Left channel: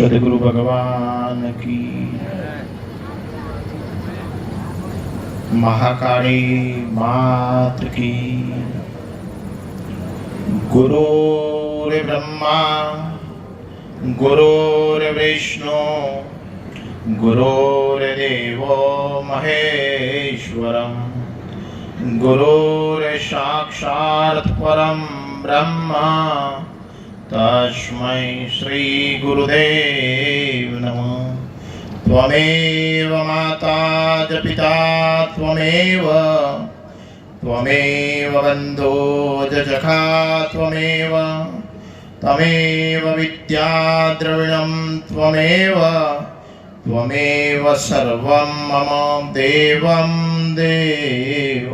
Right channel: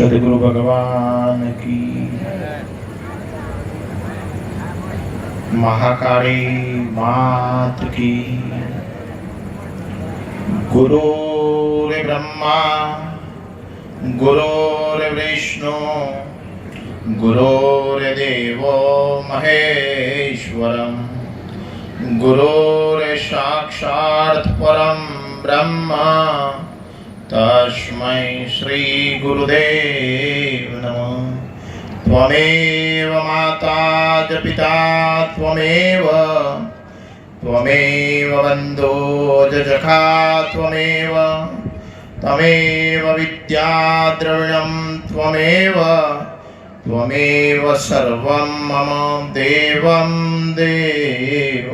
सदगुरु भगवान की, महाकाली मात की। गुरुर् ब्रह्मा गुरुर्विष्णु गुरुर्देवो महेश्वरम् गुरुर्साक्षात् परं ब्रह्म तस्मै श्री गुरुदेव नमः। त्वमेव माता च पिता त्वमेव बन्धो च सखा त्वमेव विद्या द्रविणं त्वमेव सर्वं मम देवं देव।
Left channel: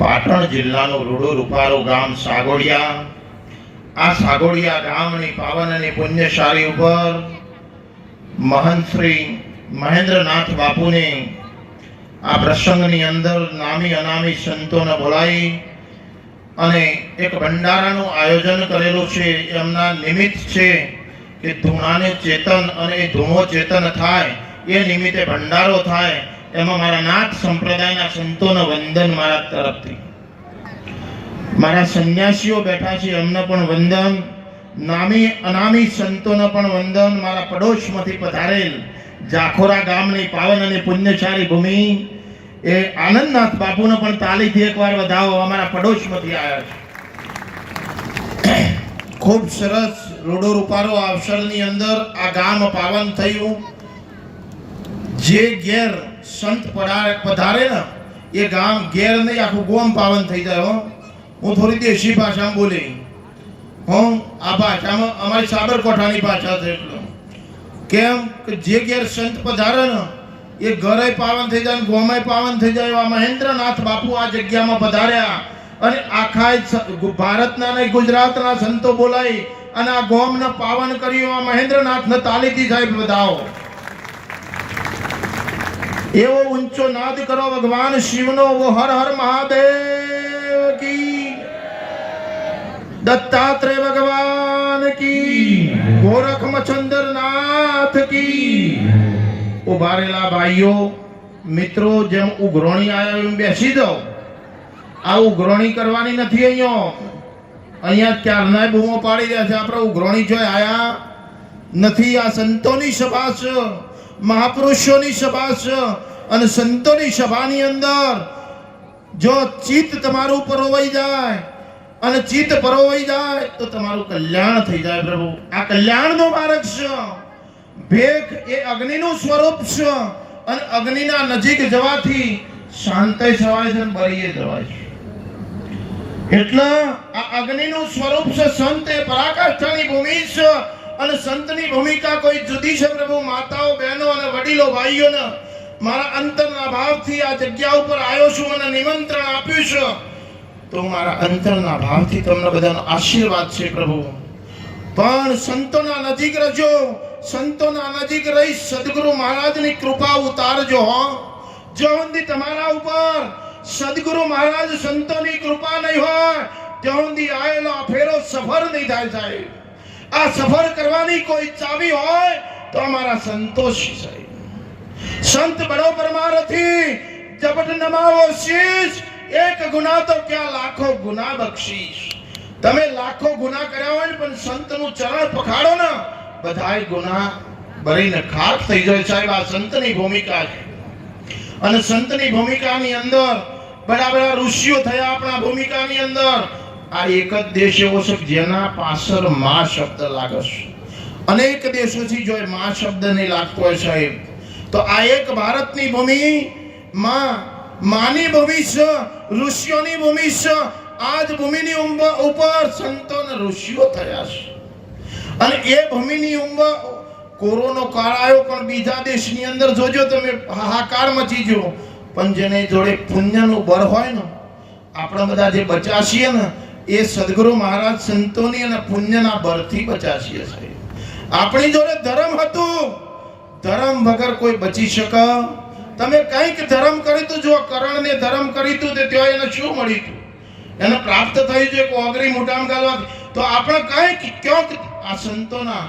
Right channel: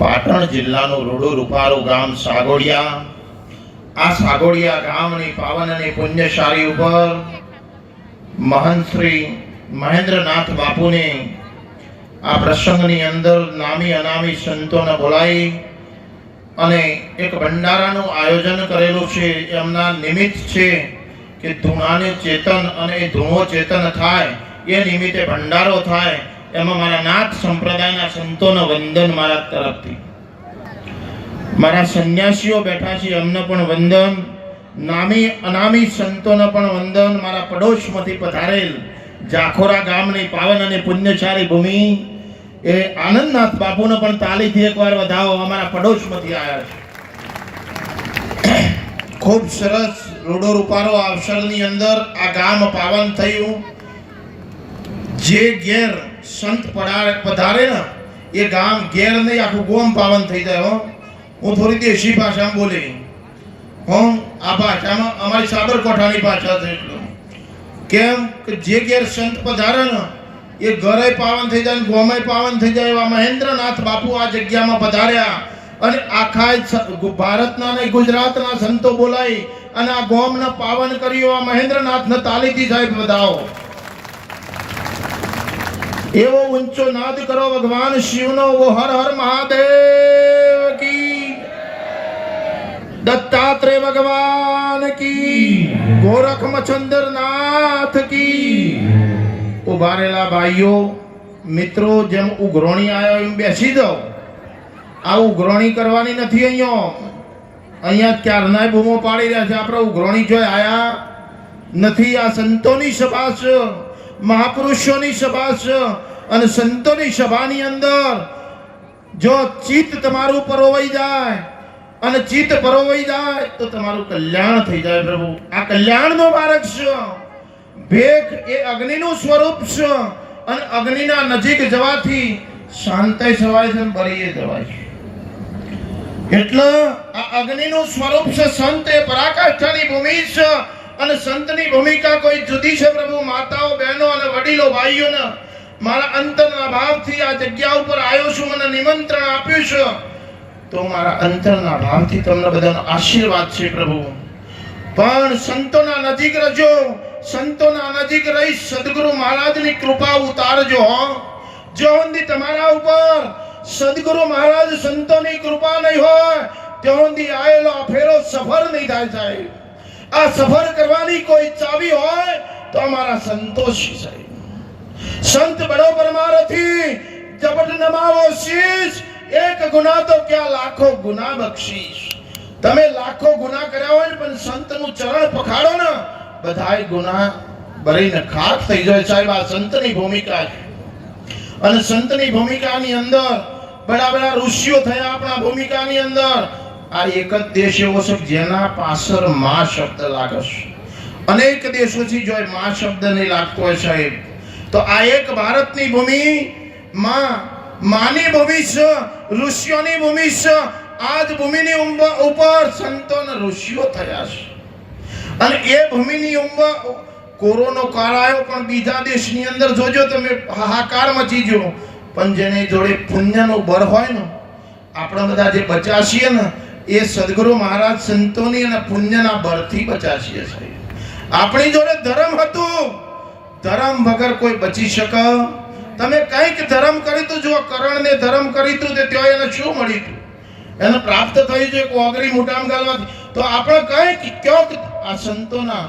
पाटण जिल्लाનું રૂડો રૂપારો ગામ સાગોડિયા। આ સાગોડિયા ગામની પાવન અને પુણ્યશાળી ઉપર મહંત શ્રી મહેન્દ્રનાથ બાપુને આ પ્રસંગની અંદર નામી અનામી સંતોને બોલાવી અને એક ભંડારાનું આયોજન કરેલું છે। એમના નિમિત્ત છે કે ધૂણાને ચેતન અને ધૂણો ચેતન થાય એ નિમિત્તે ભંડારો થાય। એમાં મારા નાથ સંપ્રદાયના સંતોનો વંદન મારા તરફથી। મારા સંન્યાસીઓ બેઠા છે એમને પણ વંદન, નામી અનામી સંતોને પણ વંદન। મારા પડોશમાંથી પધારેલ જાખોરા ગામની પાવન અને પુણ્યશાળી ભૂમિ એ આનંદનાથ બાપુને પણ તાલીથી એકવાર વધાવો। અમારા પડોશમાંથી આવ્યા છે। ખૂબ સરસ રૂડો રૂપારો અવસરની અંદર આ ગામ પાવન થયું। જે ઘેર સંત પધારે ને એ ગામ ઘેર નહીં આખું ગોમ પાવન થઈ જાય। હું થોડી દેશી ભાષામાં બોલી આ ભાષામાં અમારી સાબરકોઠાની ભાષા છે। કેમ કે જે ઘેર સંત પધારે ને એ ઘરે પાવન થઈ જાય, ગોમે પાવન થઈ જાય। એવા મહેન્દ્રનાથ બાપુ આ જગ્યામાં પધાર્યા અને આખા ભારતના અને ગુજરાતના સંતો બોલાવી અને આ ગોમને પાવન કર્યું। આ મહેન્દ્રનાથને તાલીથી સાહેબ વધાવો। એવો ઊંચો નાદ કરો ભગવાન શિવનો, વો હર હર મહાદેવ કી, દત્તાત્રેય ભગવાન કી, ગોરખમચંદ્ર નાથ કી। ઉભારેલા ભાઈઓ મિત્રો, જેમ ઉઘરોણી આવ્યા એમ બેસી જાઓ। આ ઉઘરોણી કરવાની નથી। અહીંયા ક્યારના બૂમો પાડી રહ્યા છે, આપણે ઉઘરોણી જો આયા નથી। આ સંતોની સભા છે, મહાપુરુષોની સભા છે અને સંતોની સભાની અંદર જો ચિત્ત તમારું પરોવાઈ જાય અને ચિત્ત પરોવાઈ જાય તો તમારું કલ્યાણ થઈ જાય। પ્રભુ આ કલ્યાણનો માર્ગ છે। ભેખ એ અગ્નિનું સ્વરૂપ છે અને અગ્નિના નજીક જવાથી શાંતિ સવાય છે, બળીએ જવાય છે। એટલે આ અગ્નિનું સ્વરૂપ છે। સંત એ પરાકાષ્ઠાની ભૂમિ છે અને સંતની ભૂમિકા કોઈ જુદી છે। પ્રભુ માતાઓ, બહેનો અને વડીલો, ભાઈઓને મારા અંતરના ભાવથી આ જગ્યા ઉપર આવ્યો છું અને નિમંત્રણ આપ્યું છે, તો મારા અંતરના ભાવથી તમને બધાનો આશીર્વાદ છે। પ્રભુ પણ સંતોના નજીક રહેજો, સંતોના નજીક રહી સદગુરુ મહારાજની કૃપા ઉતારજો। જો સુધી તમારા ઉપર સદગુરુ મહારાજ સંતોની કૃપા નહીં હોય ત્યાં સુધી આયેલો ફેરો સફળ નહીં થાય સાહેબ। આ સફર કરવાની કોઈ ચાવી હોય તો અમારા સંતોષ સાહેબ। સંત બરોબર મારાથી જપટ નમાવો શીશ, એક ગુના તો ક્યાં લાખો ગુના બક્ષીશ। તમે લાખો ગુના કર્યા હોય પણ સંતનું ચરણ પખાડો ને, બધાય ગુના ભરીને ખાક થઈ જાય સાહેબ। આ સંતની ભૂમિકા છે અને સંતની ભૂમિકાની અંદર બડા બડા ઋષિઓ થયા। આપણા ભૂમિકાની અંદર આ એક જ દેશ એવો છે જેના પાછળ મા શબ્દ લાગે છે। અનેક દેશોથી જો મા શબ્દ નહીં લાગતો હોય સાહેબ, તો આ એક ભારતની ભૂમિ માની ભૂમિ છે, ઋષિઓની ભૂમિ છે। આ જ ભૂમિની ઉપર સંતો અને ઋષિઓ થયા છે અને એ ભૂમિની ઉપર કોરોનો કાળ આવ્યો પણ બીજા દેશની અંદર જોજો તમે હાહાકાર મચી ગયો। પણ જેને જોડે પુણ્યનું બળ હોય ને, આપણે બધા જે બચ્યા છીએ ને એ સદગુરુ મહારાજ સંતોની અને પુણ્યના બળથી બચ્યા છીએ સાહેબ। આપણી જોડે ધર્મ હતું, ધર્મ વગર કોઈ બચી શકે? તમે કંઈક ધર્મ કરી તો જો કરણને ધર્મ કરી તો તે ત્યાં એને શું મળ્યું? એને પ્રાપ્ત થઈ જો એક ઓગરી મોટામાં ગાલવા તો આપણે કંઈક ક્યાંક આ સંતોના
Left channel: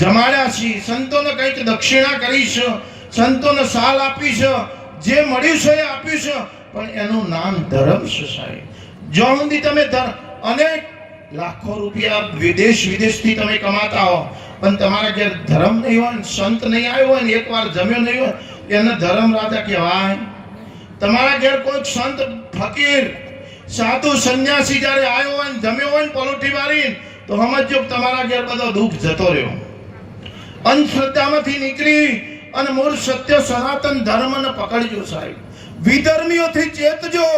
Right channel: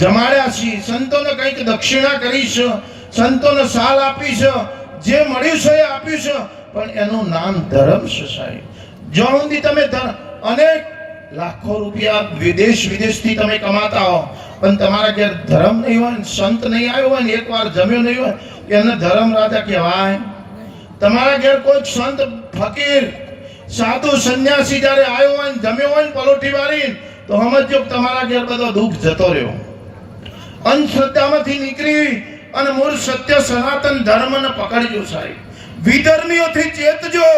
જમાડ્યા છીએ, સંતોને કંઈક દક્ષિણા કરી છે, સંતોને સાલ આપી છે, જે મળ્યું છે એ આપ્યું છે, પણ એનું નામ ધર્મ છે સાહેબ. જો સુધી તમે અનેક લાખો રૂપિયા વિદેશથી તમે કમાતા હો, પણ તમારા ઘેર ધર્મ નહીં હોય, સંત નહીં આવ્યો હોય ને એકવાર જમ્યો નહીં હોય, એને ધર્મ રાજા કહેવાય? તમારા ઘેર કોઈ સંત ફકીર સાધુ સંન્યાસી જ્યારે આવ્યો હોય ને જમ્યો હોય ને પલોઠી વાળી, તો સમજો તમારા ઘેર બધો દુઃખ જતો રહ્યો. અંધશ્રદ્ધામાંથી નીકળી અને મૂળ સત્ય સનાતન ધર્મને પકડજો સાહેબ. વિધર્મીઓથી ચેતજો.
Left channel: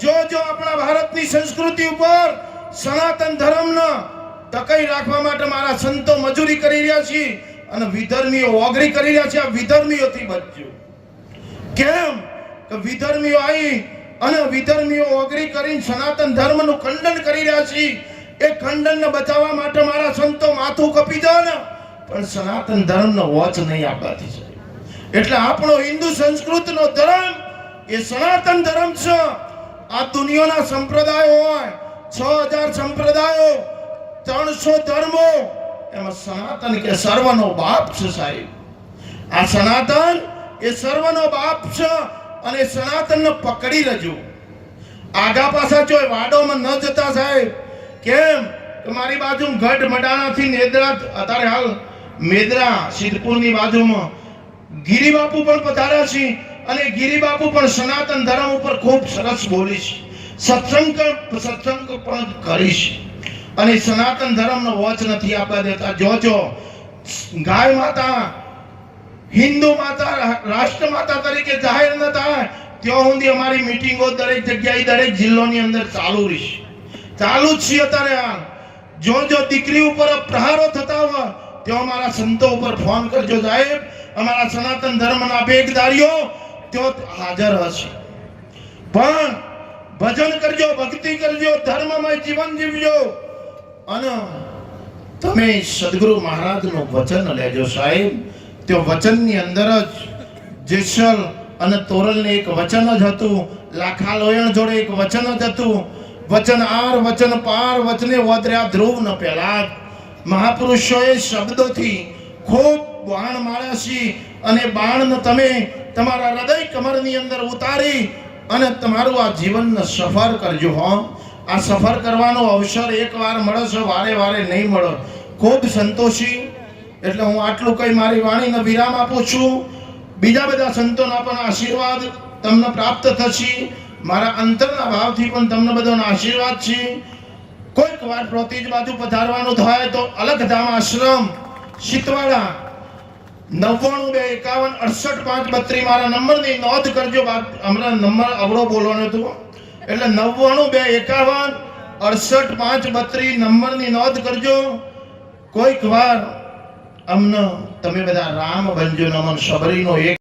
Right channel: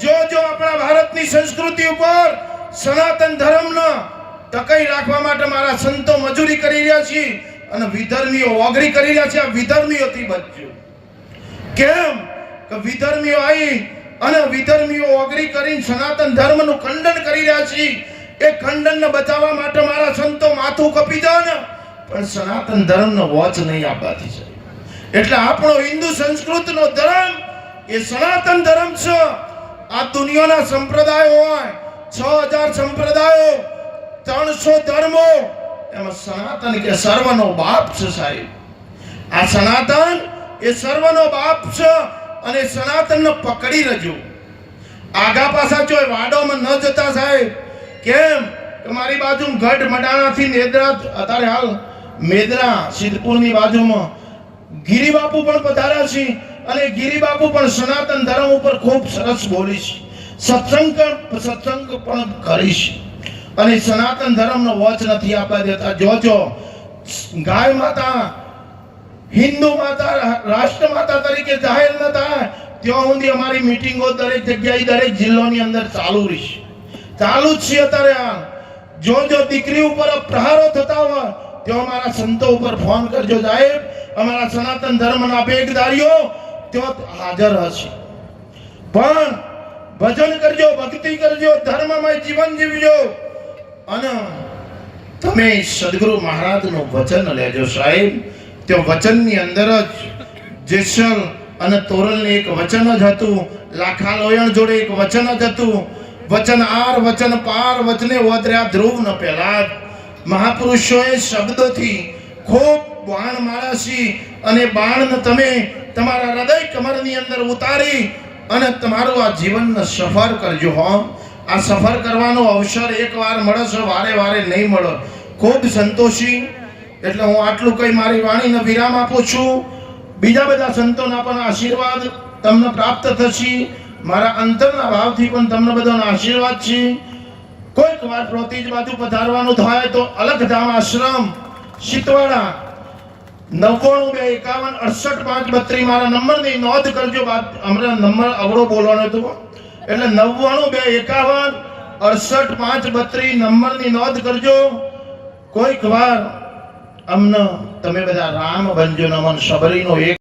જો આપણા ભારતની સંસ્કૃતિ ઉપર સનાતન ધર્મને ટકાઈ રાખવા માટે મારા સંતો મજૂરી કરી રહ્યા છે અને વિધર્મીઓ ઓગળી કરી રહ્યા છે. આ વિધર્મીઓથી બચજો. કેમ કે વિધર્મીઓ આવી અને વિધર્મીઓ ઓગળી કરીને સનાતન ધર્મનું ખંડન કરી રહ્યા છે. એ ખંડનને બચાવવા માટે મારા સંતો માથું કપી દો ને, પણ સનાતન ધર્મનો વોચ નહીં આપવાથી સાહેબ. એટલે આપણો હિન્દુ સંસ્કૃતિનો ધર્મ એ સનાતન ધર્મ છે. આ દુનિયાના સંપ્રદાયો હોય 6000 સંપ્રદાયો, 300 ધર્મો, એમાં સનાતન કે સર્વનો બાપ છે સાહેબ. આ સનાતન એ સર્વનો બાપ છે અને સનાતનને પકડી રહેજો. આગા પાછા જોઈ વાડોમાં ન જતા સાહેબ. કેમ કે મારી બાજુ ગઢ મડાણાથી મેદરા, અત્યારે હાલ મેદરા સિદ્ધપુરની બાજુમાં ગિરિબાપુ પણ પધાર્યા છે અને ગિરિબાપુ પણ સનાતન ધર્મ ઉપર ખૂબ સરસ બોલી છે. સત્સંગ પણ કરી છે અને સનાતન ધર્મનો વોચ નથી આપવા દેતા. જોજો ગાય માતા, હિન્દુ માતા, રાષ્ટ્ર માતા તરીકે જાહેર ન થાય ત્યાં સુધી અમારી મીટિંગો દરેક જગ્યાએ દરેક જિલ્લાની અંદર ચાલુ રહેશે. ચાલુ જ છે અત્યારે. આ જો દીકરી ઉપર પ્રહારો થતા હોય તો અમારા સંતો ઉપર ફોન કરજો સાહેબ. અમારા સનાતન ધર્મના ભેગદારીઓ ત્યાં હાજર હશે. પણ ભજન કરજો, ભક્તિ કરજો, ધર્મમય જીવન જીવજો અને તમે સદગુરુ મહારાજનું વચન લેજો સાહેબ. તે વચનની અંદર જ જેસલ અને તોરલને એક વચન જ હતું. લાખા લોયણ જોડે એક વચન જ હતું. વચન આર વચન પાર વચને ઓદર્યા ધ્રુવ ન પહેલા. મહાપુરુષોએ શબ્દોથી ખૂબ બાણ માર્યા છે અને બાણને તમે તમારા હૃદય કમરની અંદર ઉતારી અને તમારું આ જીવનને સફર કરજો. હો, આ સફર કરવાનો અવસર એકવાર મળે છે, વારે વારે નહીં મળે. ખૂબ સંતોષી. એટલે હું આટલું કઈ મારી વાણીને વિરામ આપું છું. બીજા બધા સંતોના પણ આશીર્વાદ તમને પ્રાપ્ત થશે. મારા અંતરના ભાવથી પણ તમને બધાનો આશીર્વાદ છે. કોઈક વાર પ્રોતિજ બાજુ પધારવાનું થાય તો અલગધામ આશ્રમ શીતવાડા 9921586532 મારા નંબરની નોંધ કરજો. હમણાં નંબર અવળો બોલવાનો હતો એટલે 9921586532 નંબરની નોંધ કરજો. કોઈક વાર અમને તમે બધા રામ બનજો. નમન સબરીનો એક